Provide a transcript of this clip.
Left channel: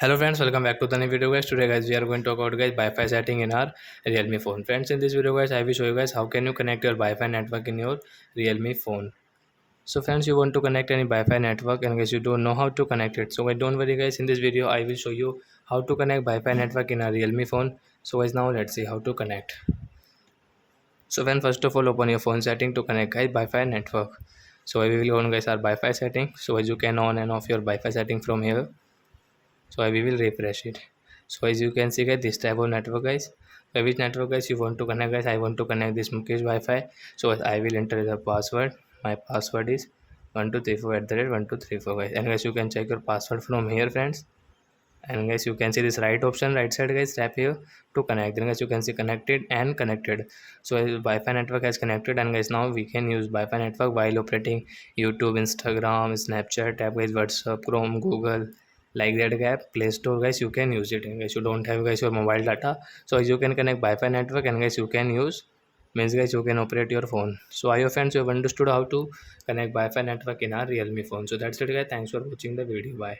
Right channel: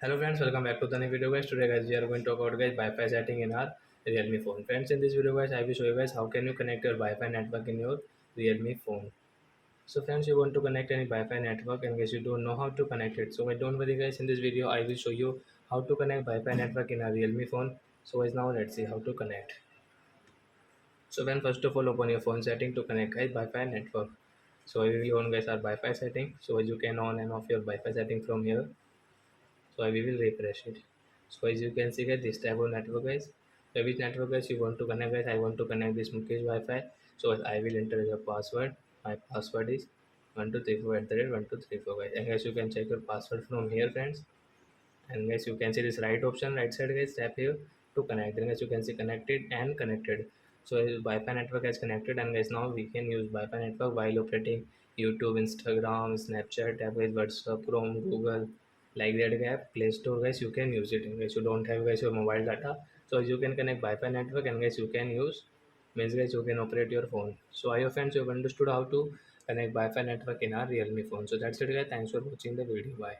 Hello friends, welcome back to the new video guys. Today guys we are going to talk about guys Wi-Fi setting in our Realme phone. Friends, in this video guys I will show you guys how can you connect your Wi-Fi network in your Realme phone. So friends, you want to connect any Wi-Fi network and guys you don't know how to connect it. So guys don't worry guys, in this video I will show you how to connect Wi-Fi network in a Realme phone. So guys now let's see how to connect. So when first of all open your phone setting to connect guys Wi-Fi network. So we will on guys our Wi-Fi setting. So as you can on and off your Wi-Fi setting from here. So we will refresh it. So as you can see guys, this type of network guys, by which network guys you want to connect guys, I want to connect this Mukesh Wi-Fi. So I will enter the password. My password is 1234 at the rate 1234 guys, and guys you can check your password from here friends. And guys you can see this right option right side guys, tap here to connect. Then guys you can see connected and connected. So Wi-Fi network has connected, and guys now we can use Wi-Fi network while operating YouTube, Instagram, Snapchat app guys, WhatsApp, Chrome, Google, like that app, Play Store guys you can use it. And guys you don't have guys your mobile data, so as you can connect Wi-Fi network, and guys you can use, means guys you can operate your phone. So I hope friends you have understood how to connect Wi-Fi network in our Realme phone. So that's it guys, thanks for watching the video, bye.